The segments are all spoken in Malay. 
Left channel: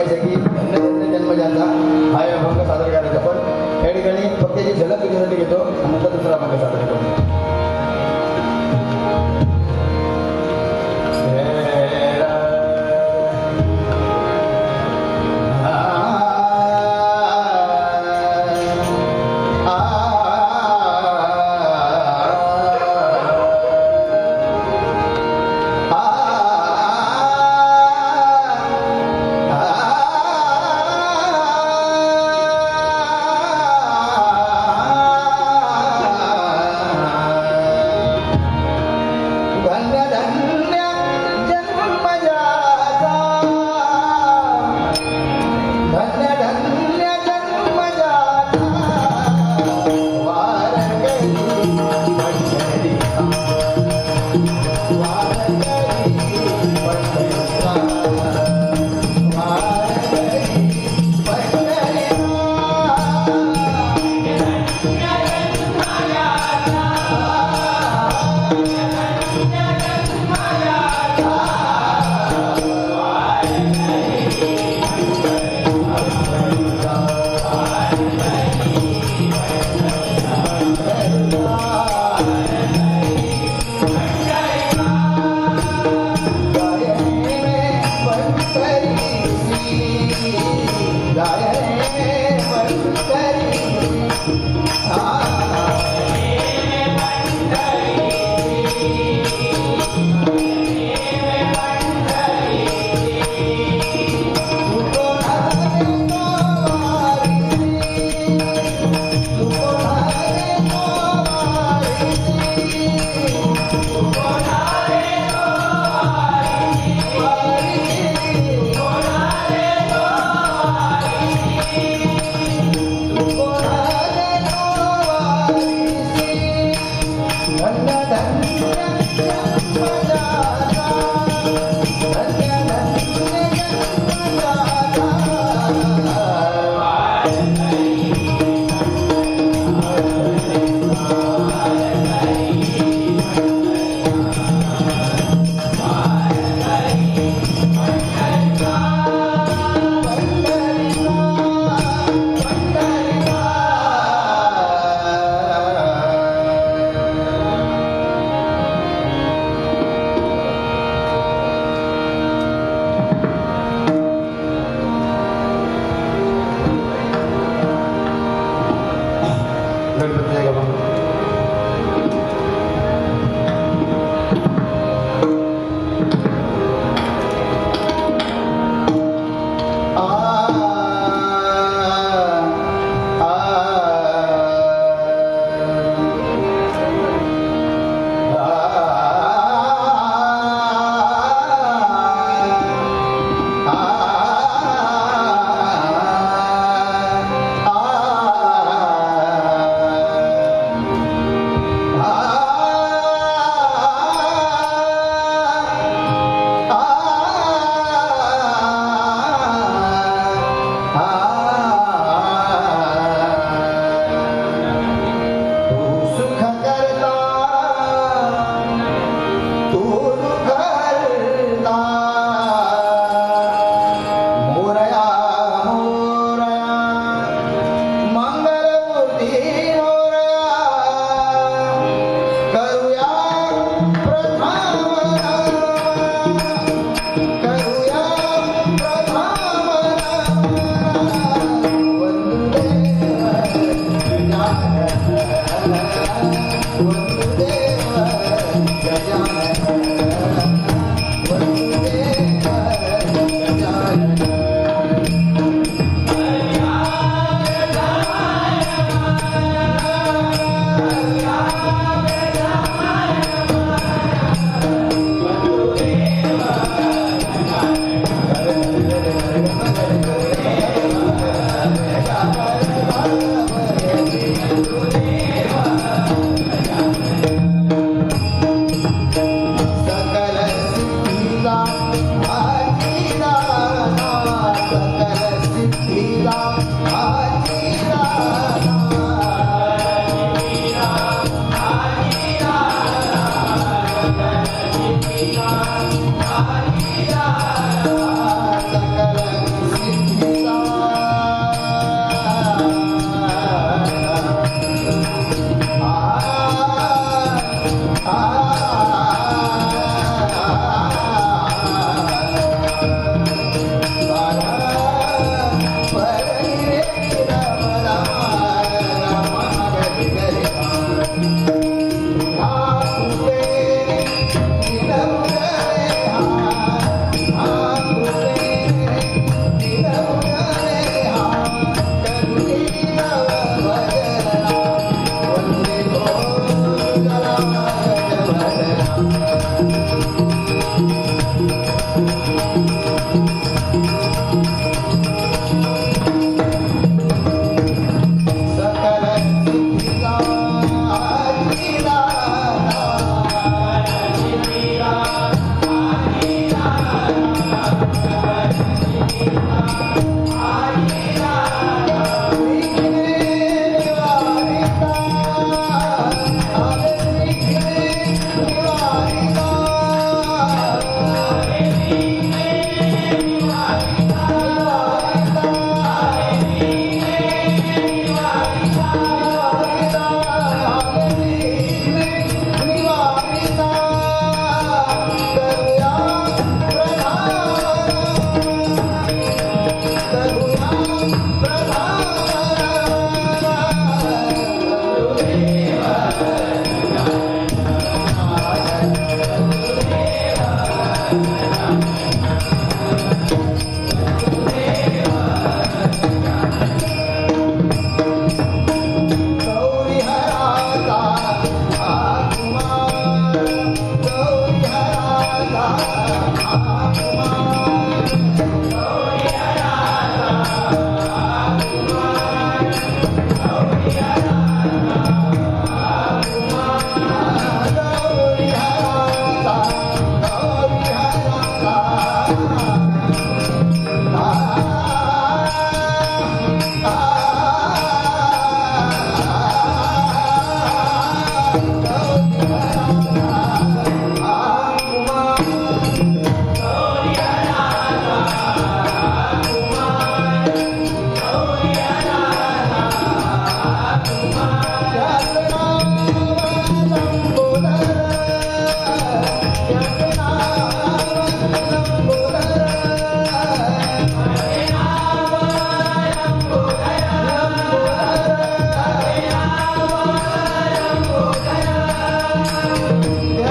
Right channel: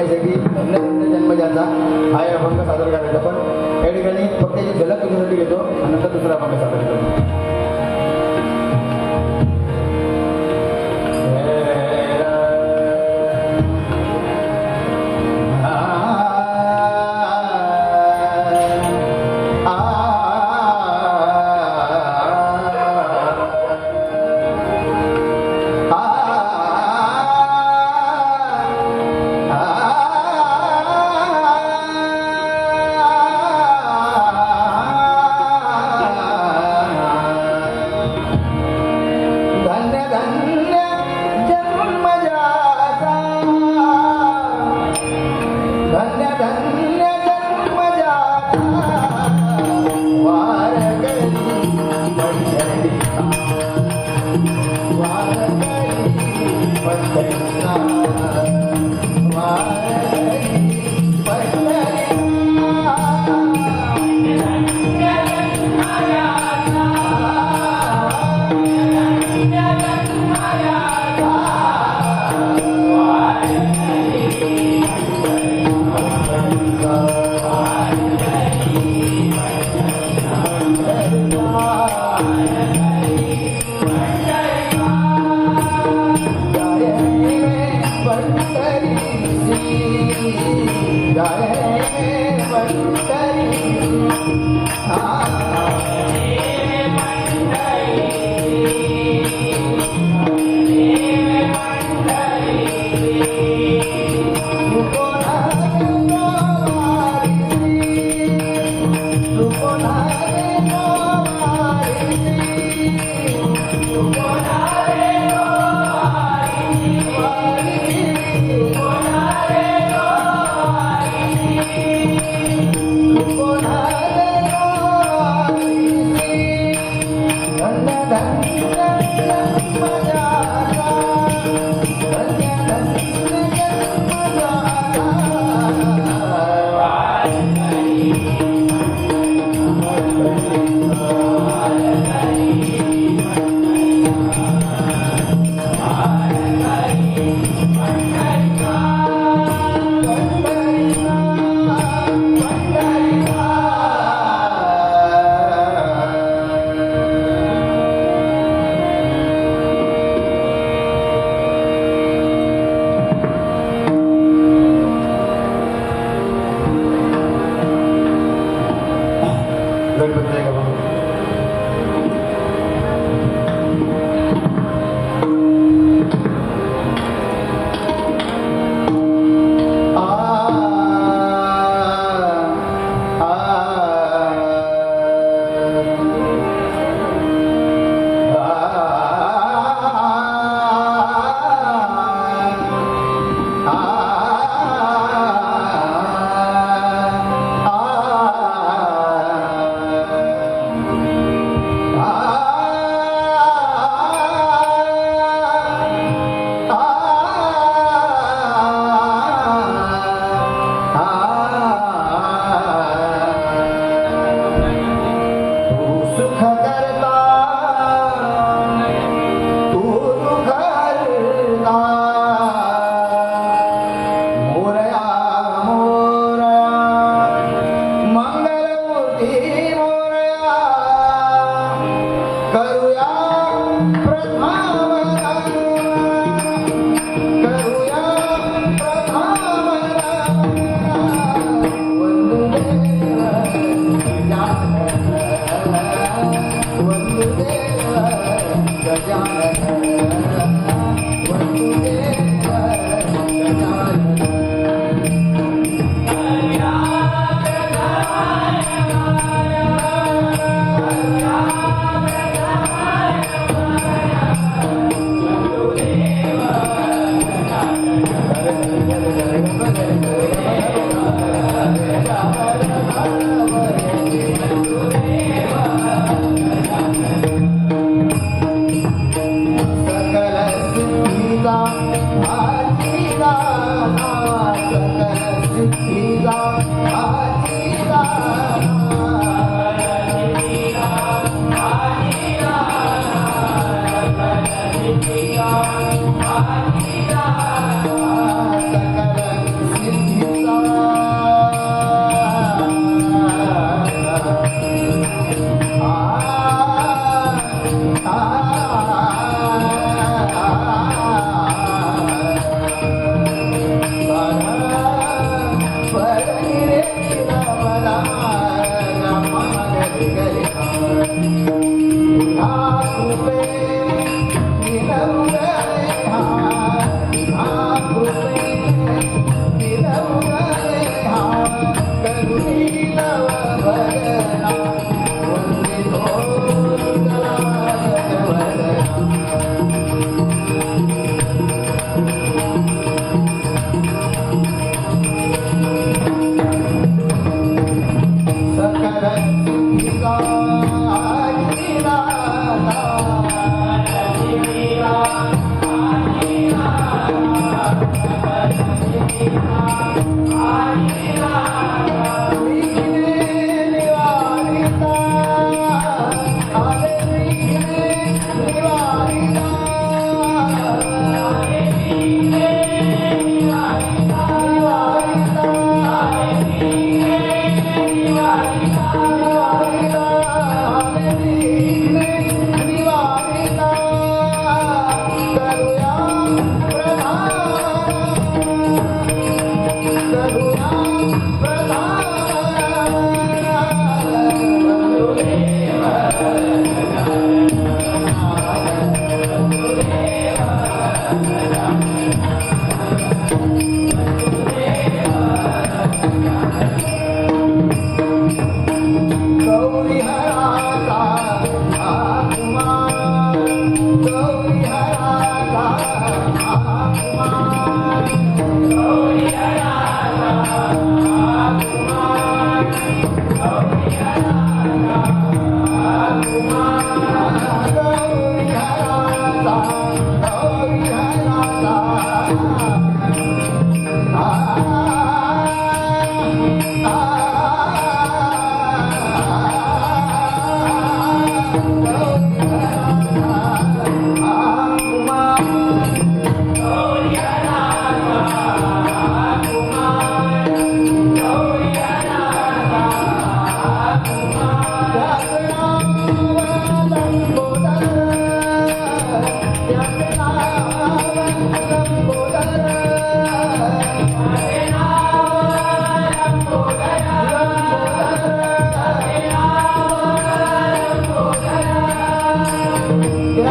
पाहिजे की त्यांना जन्मजाचा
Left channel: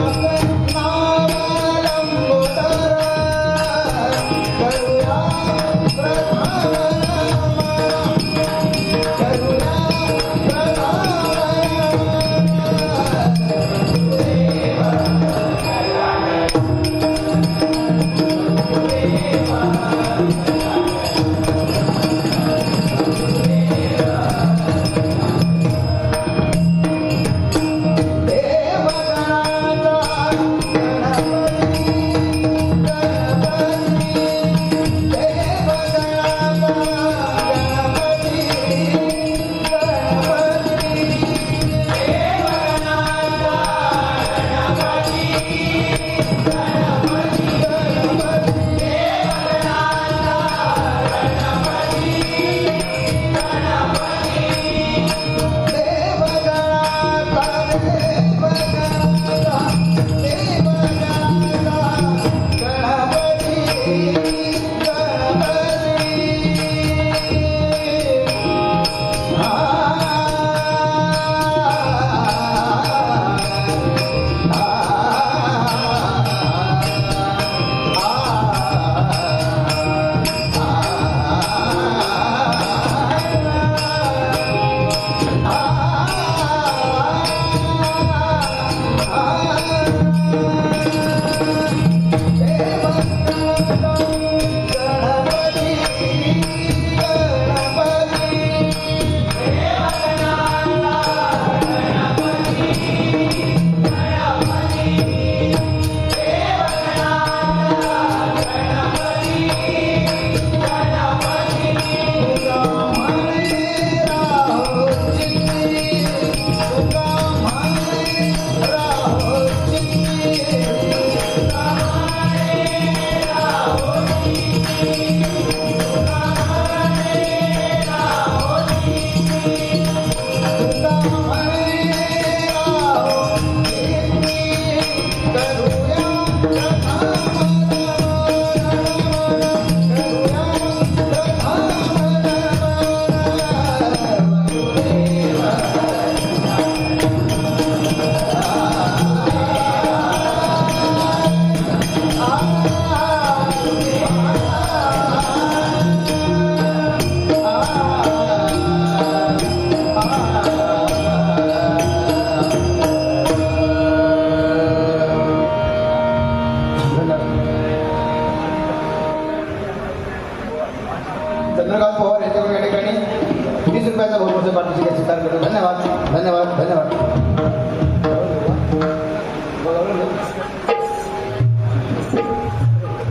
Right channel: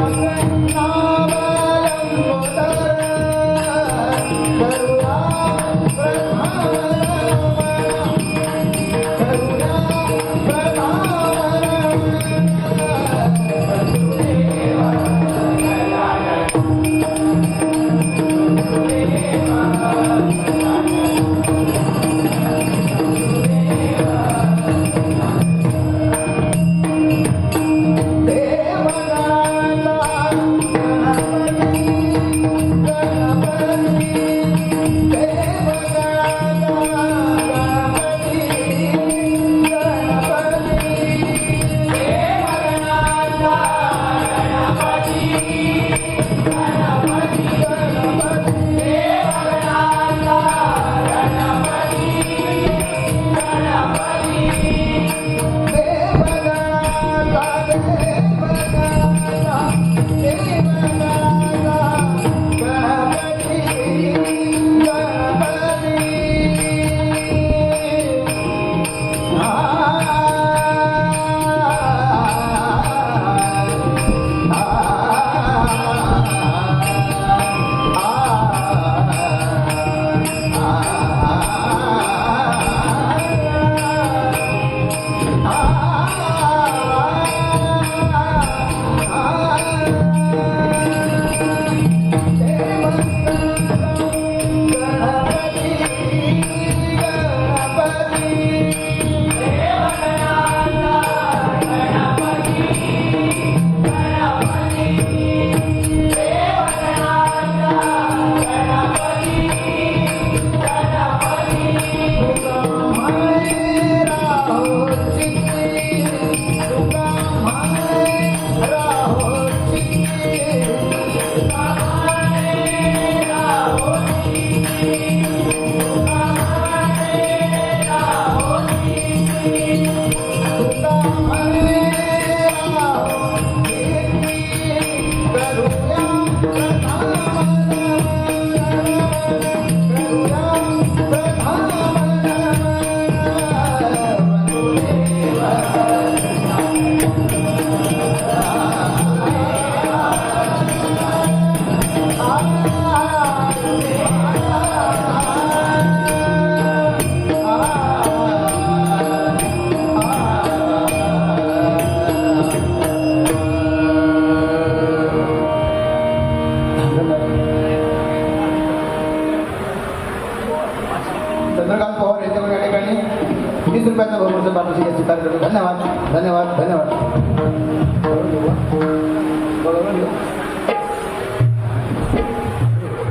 Amén.